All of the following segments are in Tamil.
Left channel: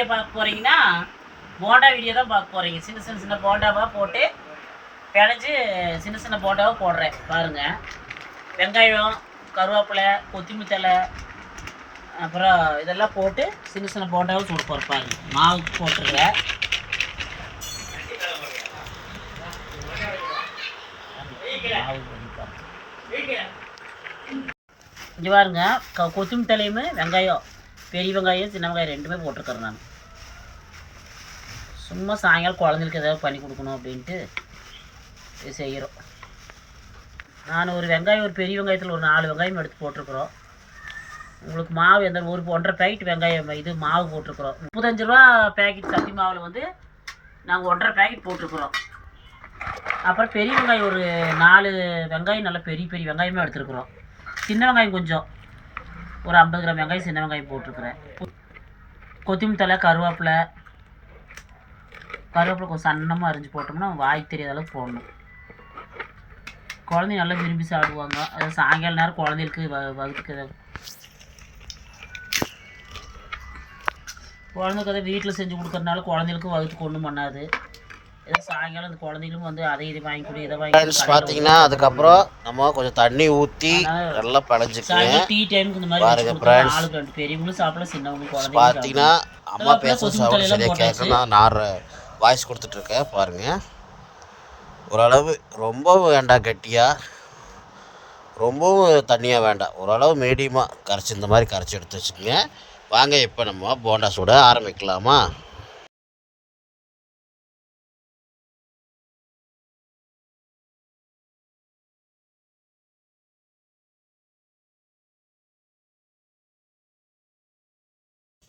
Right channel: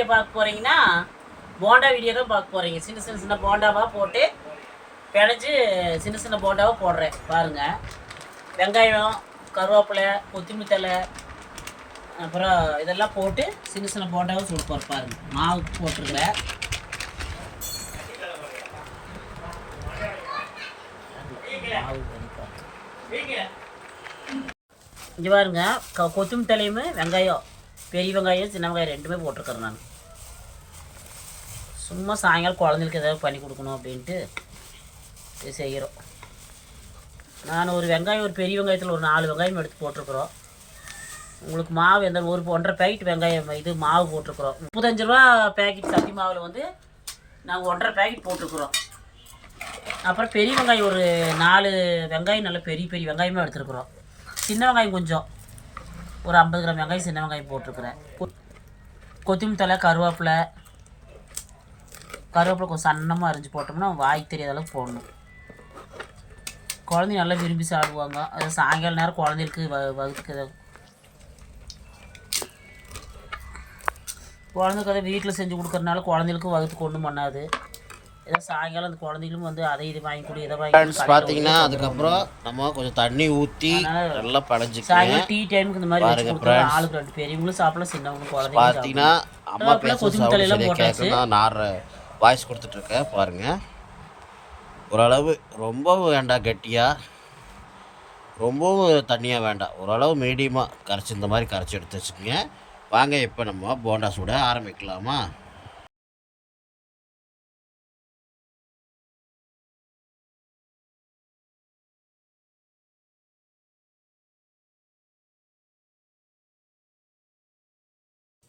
வீடியோ பார்க்க போகிறீங்கன்னா போண்டா வீடியோ தான் பார்க்க போகிறீங்க சின்ன சின்ன சின்ன போண்டாவாக போட்டு பிணைஞ்சு சின்ன சின்ன போண்டாவாக போடுறேன். பாருங்கள் வெங்காயம் கருவேப்பிலை கொத்தமல்லி அப்புறம் இதெல்லாம் போட்டு சின்ன சின்ன போண்டாவும் போட்டு போகிறேன் பாருங்க. மாவு போட்டுருவேன் மாவு இங்கே பாருங்க. க கொத்தமல்லி வெங்காயம் பெரிய வெங்காயம் சின்ன வெங்காயம் ரெண்டுமே போட்டிருக்கறேன் நான். சும்மா சாயங்காலம் குழந்தைகளுக்கு ஏதாவது பண்ணி கொடுக்கணும் அப்படின்ட்டு இது செய்கிறோம். நான் ஒரு வெங்காயம் ஒரு பெரிய வெங்காயத்தில் ஒரு நாலு வெங்காயம் எடுத்து போட்டிருக்குறோம். உங்களுக்கு மாவு எந்த ஒரு ஒன்றரை பேக்கெட் வெங்காயம் இது மாவு போட்டிருக்குறோம். முப்பத்தஞ்சு ரூபா பேக்கெட் சத்தி மாவில் வந்து நாங்கள் ஒன்றரை பேக்கெட் போட்டிருக்குறோம். அப்புறம் பெரிய வெங்காயம் ஒரு நாலு வெங்காயம் நல்ல பெரிய பெரிய வெங்காயமே எடுத்துருக்குறோம். சின்ன வெங்காயம் கொஞ்சம். ஒரு ஐம்பது கிராம் வெங்காயம் சின்ன வெங்காயம் போட்டிருக்குறேன். கொ- கொத்தமல்லி கருவேப்பிலை கருவேப்பிலை கொஞ்சம் சன்னமாக அரிஞ்சு போட்டோம்னா வாய் தெரியாத அளவுக்கு போடணும். குழந்தைங்க நல்லா விரும்பி சாப்பிடுவாங்க. அது சாயங்கால நேரம் குழந்தைகளுக்கு வ வகுத்துக்கு குழந்தைக்கு அதை வீட்டில் செஞ்சு கொடுக்கறனால குழந்தைகளுக்கும் வகுத்துக்கு ஒன்றும் பண்ணாது. ஏதோ சாயங்காலம் அந்த குழந்தைகளும் வந்து அதை இதை வாங்கி கொடு இதை வாங்கி பார்த்தீங்கன்னா அதுக்கப்புறம் நம்ம கொஞ்சம் தண்ணி ஊற்றி நல்லா பழஞ்சிக்கங்க சாயங்காலம் டீ டைமுக்கு இந்த மாதிரி. ஆளுக்கு ரெண்டு பெரியவங்களும் சாப்பிடலாம் சின்னவங்களும் குழந்தைங்களும் பார்த்தீங்கன்னா அம்மா கருவேப்பிலை, பேச கொத்தமல்லி சவுண்ட் சரியாக வாய்ஸ் கொடுத்துட்ருக்கேன் பாருங்கள் ஓரளவு ரொம்பவும் வேண்டாம் கெட்டியாக ரொம்பவும் தண்ணியாக வேண்டாம் ஓரளவு மீடியமாக கரைச்சி இந்த மாதிரி கரைச்சி எடுத்து வச்சுக்கோங்க. வாங்க இப்போ நம்ம போண்டா சுட ஆரம்பிக்கலாமா?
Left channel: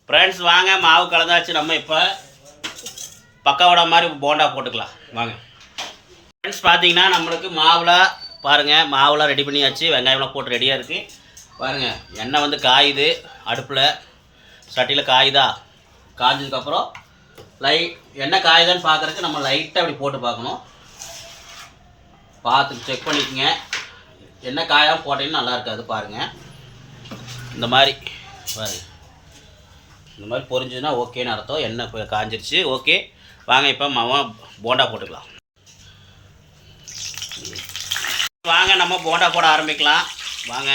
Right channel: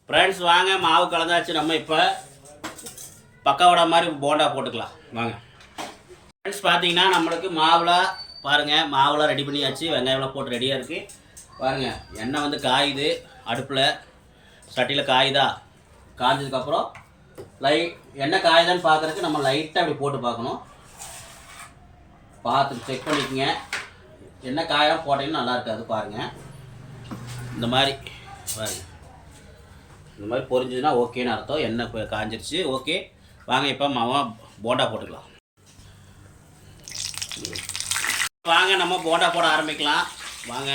ஃப்ரெண்ட்ஸ் வாங்க மாவு கலந்தாச்சு நம்ம இப்போ. பக்காவோட மாதிரி போண்டா போட்டுக்கலாம். வாங்க. ஃப்ரெண்ட்ஸ் பார்த்தீங்கன்னா நம்மளுக்கு மாவுலாம் பாருங்கள் மாவுலாம் ரெடி பண்ணியாச்சு. வெங்காயம்லாம் போட்டு ரெடியாக இருக்குது பாருங்கள் எண்ணெய் வந்து காயுது. அடுப்பில் சட்டியில் காயுதா? காஞ்சதுக்கப்புறம் லை எண்ணெய் காயுதான்னு பார்க்குறதுக்கு நம்ம லைட்டாக அப்படி போட்டு பார்க்கணும். பார்த்து செக் பண்ணிக்கங்க. எண்ணெய் காயாம போட்டிங்கன்னா நல்லா இருக்காது பாருங்கள் இந்த மாதிரி பாருங்கள் இந்த மாதிரி பொரிஞ்சுதுன்னா ஓகேன்னு அர்த்தம். எண்ணெய் காய்ஞ்சிருச்சு காஞ்சிருச்சு. ஓகே வாங்க இப்போ மாமா போண்டா போட்டுக்கலாம். வாங்க நம்ம போண்டா போட ஆரம்பிக்கலாம். வாங்க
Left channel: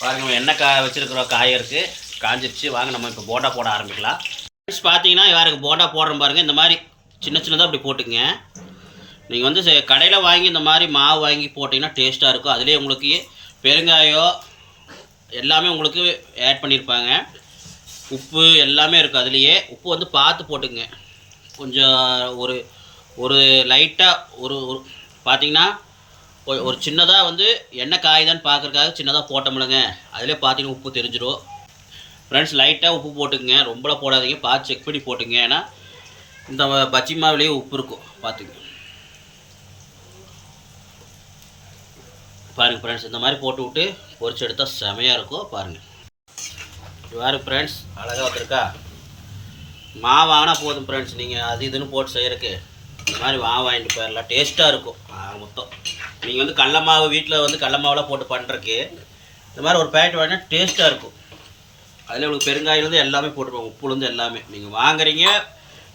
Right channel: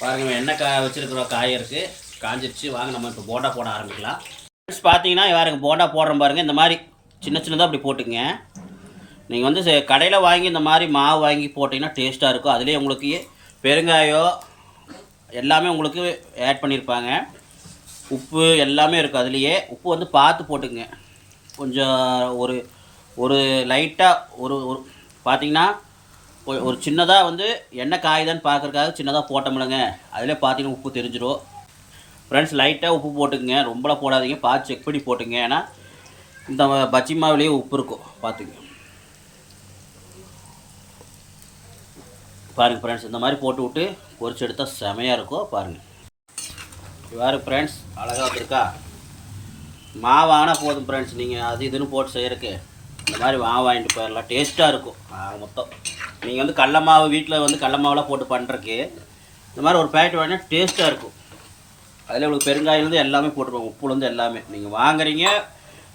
பாருங்கள் என்ன கா வச்சுருக்குறோம் காய இருக்குது காஞ்சிருச்சு. வாங்க நம்ம இப்போ போண்டா போட ஆரம்பிக்கலாம். ஃப்ரெண்ட்ஸ் பார்த்தீங்கன்னா யாருங்க போண்டா போடுற பாருங்கள் இந்த மாதிரி சின்ன சின்னதாக அப்படி போட்டுக்குங்க. நீங்கள் வந்து கடையில் வாங்கி இந்த மாதிரி மாவு வாங்கி போட்டிங்கன்னா டேஸ்ட்டாக இருக்கும். அதுலேயே உங்களுக்கு பெருங்காயம் எல்லாமே உங்களுக்கு ஆட் பண்ணியிருப்பாங்க உப்பு எல்லாமே இருக்கும் அதுலேயே. உப்பு வந்து பார்த்து போட்டுங்க கொஞ்சம் ஒரு ஒரு லைட்டாக ஒரு ஒரு பார்த்தீங்கன்னா ஒரு சின்னதாக வந்து எண்ணெய் காயுதான்னு பார்க்குறக்காக சின்னதாக போட்டோம்லங்க. அதிலே பார்த்தீங்கன்னா உப்பு தெரிஞ்சிடும் ஃப்ரெண்ட்ஸ் லைட்டாக உப்பு போட்டுக்குங்க. ரொம்பலாம் போடாதீங்க. பார்த்து செக் பண்ணி போட்டுங்க ஏன்னா இந்த பச்சி மாவுலேயே உப்பு இருக்கும். பார்த்துங்க பாருங்கள் ஃப்ரெண்ட்ஸ் இந்த மாதிரி போட்டு விட்டு பொறிச்சு எடுத்தால் செமையாக இருக்கும். பாருங்கள் இவ்வாறு ஃப்ரெண்ட்ஸ் அழகாக வந்திருக்கா. மாவு வாங்கினா போதும் ஃப்ரெண்ட்ஸ் நீங்கள் அது இதுன்னு போட்டு செய்கிறக்கு இந்த மாதிரி மாவு வாங்கிட்டு போயிடலாம். டேஸ்ட்டாக இருக்கும். ஆக மொத்தம். நீங்கள் வந்து கடல மாவு வீட்டில் வந்து கடல மாவுலாம் போட்டு பண்ணுறக்கு இந்த மாதிரி ஒரு பேக்கெட் வாங்கினா டேஸ்ட்டாக இருக்கும். அதில் உங்களுக்கு பெருங்காயிலேருந்து எல்லாமே போட்டுருப்பாங்க. உப்புலேருந்து எல்லாமே. நீங்கள் வாங்குறீங்க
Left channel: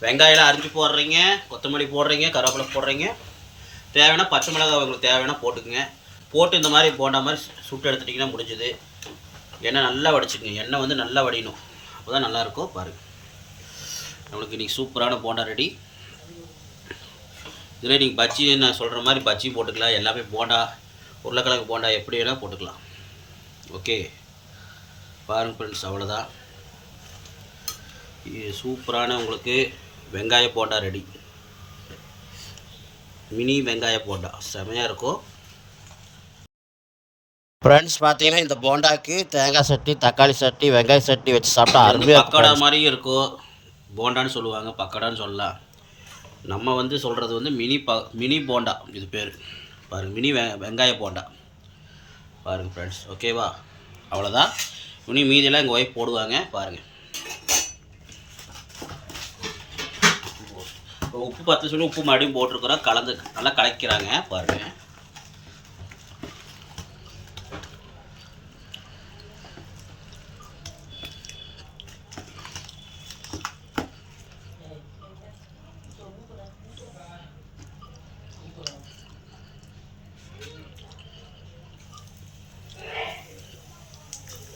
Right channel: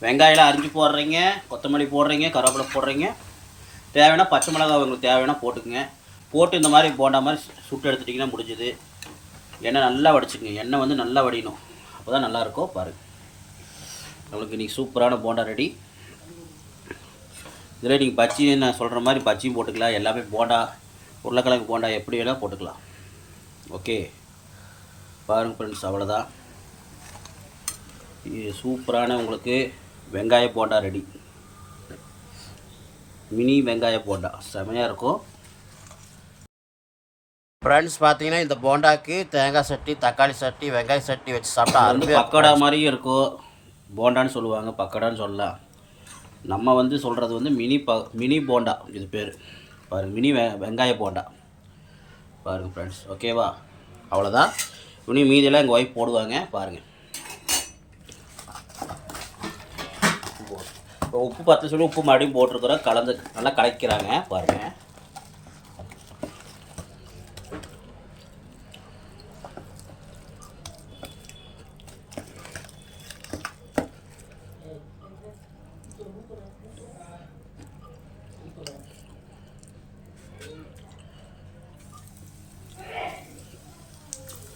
வெங்காயம்லாம் அரிஞ்சு போடுறீங்க கொத்தமல்லி போடுறீங்க கருவேப்பிலை போடுறீங்க. தேவைன்னா பச்சை மிளகாய் உங்களுக்கு தேவைன்னா போட்டுக்குங்க. போட்டு இந்த மாதிரி போண்டா மாதிரி சுட்டு எடுத்துட்டிங்கன்னா முடிஞ்சுது. எண்ணெய் நல்லா வடிச்சுக்குங்க. எண்ணெய் வந்து நல்லா வடியணும். அப்போ தான் நல்லாயிருக்கும் பாருங்கள் நம்மளுக்கு இன்றைக்கி சூப்பரான போண்டா ரெடி இதில் நீங்கள் பச்சி நான் சொல்கிற மாதிரி பச்சியும் போட்டுக்கலாம். எல்லாமே போண்டா உருளைக்கிழங்கு போண்டா எப்படி வேணால் போட்டுக்கலாம். ஓகே பாருங்க ஃப்ரெண்ட்ஸ் அவ்வளோதான் இது சூப்பரான உங்களுக்கு வெங்காய போண்டா ரெடி மினி வெங்காய போண்டா. செமையாக இருக்கும். ஃப்ரெண்ட்ஸ் பார்த்தீங்கன்னா இந்த போண்டாக்கு தேங்காய் சட்டி தக்காளி சட்டி வெங்காய சட்டி வச்சு சாப்பிட்டா அது வந்து பக்கோடா மாதிரியும் இருக்கும். போண்டான்னு சொல்லுவாங்க பக்கடான்னு சொல்லலாம் நம்ம வந்து சொல்கிறது வந்து மினி ப மினி போண்டா இது பேர். பாருங்கள் மினி வெ வெங்காய போண்டா. பாருங்கள் ஃப்ரெண்ட்ஸ் ஓகேவா அவ்வளோதான் இனி மீதியெல்லாம் எங்கள் ஒய்ஃப் போடுவாங்க பாருங்கள் இப்போ உப்பு பத்து சொல்லி உப்பு மறுபடியும் போட்டிருக்கிறோம் கலந்து நல்லா கலக்கிறாங்க பாருங்கள்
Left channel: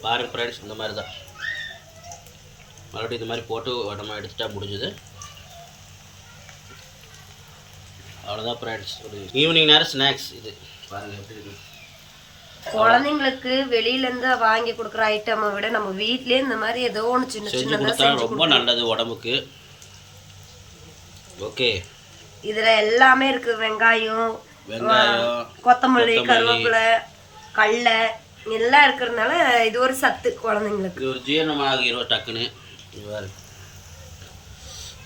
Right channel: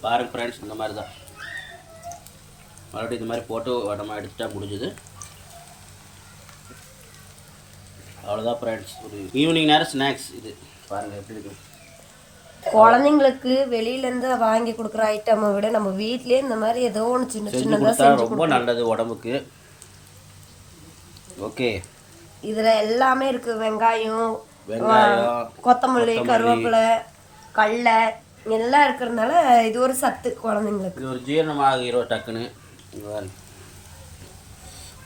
பாருங்க ஃப்ரெண்ட்ஸ் இந்த மாதிரி தான் மறுபடியும் இந்த மாதிரி போட்டு நம்ம எடுத்துட்டா முடிஞ்சுது. அவ்வளோதான் ஃப்ரெண்ட்ஸ் ஒரு ஈவினிங் நேரம் ஸ்நாக்ஸ் இது. பாருங்கள் எப்படி இருக்கு குழந்தைங்களுக்கு வெளியில இருந்து வாங்கி கொடுக்குற ஐட்டமை விட நம்ம வீட்லயே இந்த மாதிரி ஏதோ ஒன்று சின்ன செஞ்சு கொடுத்தா ரொம்ப நல்லது உடம்புக்கு. ஓகே. இதுல எல்லாமே இருக்கு. வெங்காயம் வெங்காயம் கொத்தமல்லி. கருவேப்பிலை கடலை எல்லாம் இருக்கிறதுனால இது ஒரு சத்து குழந்தைங்களுக்கு. இது ஒரு ஜீரணமாகிரும் டக்குன்னு.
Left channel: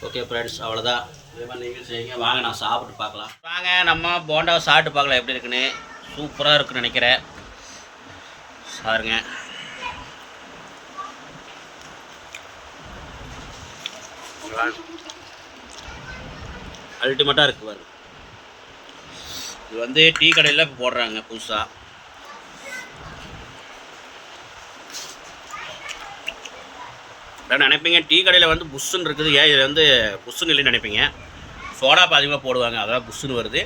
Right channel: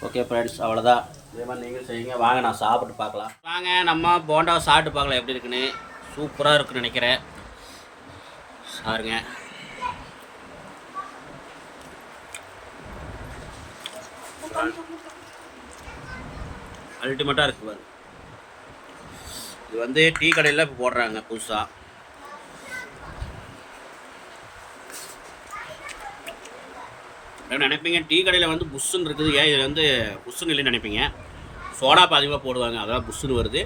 ஓகே ஃப்ரெண்ட்ஸ் அவ்வளோதான் இதே மாதிரி நீங்கள் செய்யுங்க. வாங்க நான் சாப்பிட்டு பார்க்கலாம். வாங்க நம்ம போண்டாவை சாப்பிட்டு பார்க்கலாம். எப்படி இருக்குன்னு? சூப்பராக இருக்குன்னு நினைக்கிறேன். சாருங்க. அல்டிமேட்டாக இருக்குது இது வந்து டீ கடையில் இப்போ போடுறாங்க புதுசாக நினைப்பீங்க டீ கடையில் வந்து புஷ்ஷுன்னு இருக்குது. ஏன் இதில் வந்து புஷ்ஷுன்னு இல்லைன்னு நினைப்பீங்க? சோடா அதிகமாக போடுவாங்க அதெல்லாம் புஷ்ஷுன்னு வருது.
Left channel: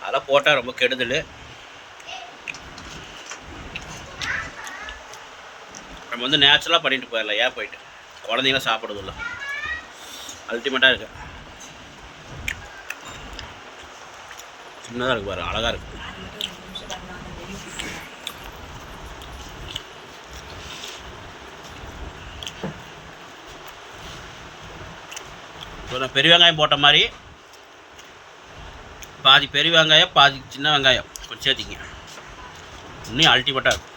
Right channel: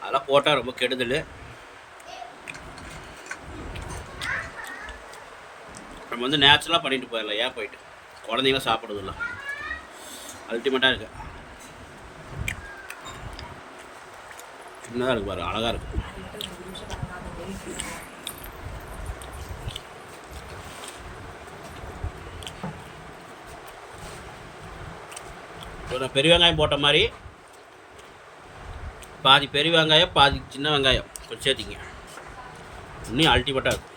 அதெல்லாம் போட்டால் ரொம்ப கெடுதல். நம்ம வந்து நேச்சுரலாக பண்ணிட்டு போயிடலாம். ஏன் போயிட்டு? குழந்தைங்களாம் சாப்பிடுறதில்ல. அல்டிமேட்டாக இருக்குது சின்னதாக இருக்கு பாரு அழகாக இருக்குது இப்போ பெரிய வெங்காயம் போட்ட மாதிரி. பாதி பெரிய வெங்காயம் பாதி சின்ன வெங்காயம். கொஞ்சம் சேர்த்திங்க. இன்னும் அல்டிமேட்டாக இருக்கும்.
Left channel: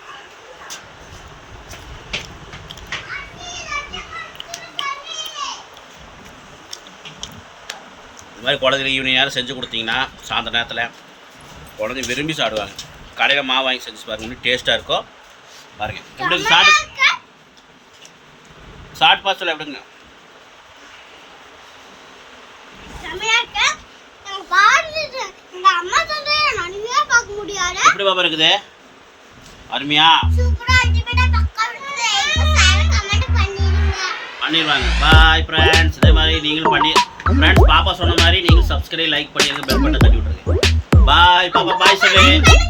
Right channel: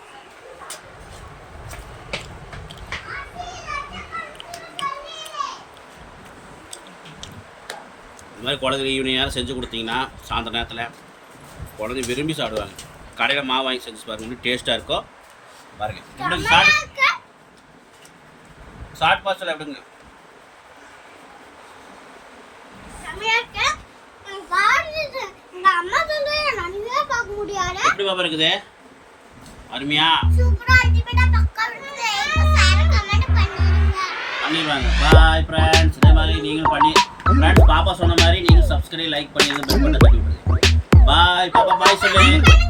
இந்த மாதிரி குழந்தைங்க ஈவினிங் நேரம் செஞ்சு கொடுத்தீங்கன்னா சாயந்தர நேரத்தில் குழந்தைங்க விரும்பி சாப்பிடுவாங்க. கடையில் மாவு வாங்கி செஞ்சு பாருங்க. இன்னும் டேஸ்ட்டாக இருக்கும் பாருங்க. எப்படிங்க சாட் சாட் பாஸ்டல் எப்படிங்க? எப்படி பாப்பா இருக்குது? அருமையா. பண்ணிடுவாங்க. பாய் ஃப்ரெண்ட்ஸ் இதே மாதிரி நீங்களும் பண்ணி ஃப்ரெண்ட்ஸ் பாப்பா சொன்ன மாதிரி நீங்களும் சப்ஸ்கிரைப் லைக் பண்ணி பெல் பட்டன் தட்டி பாய் பாப்பா. பாய் சொல்லு.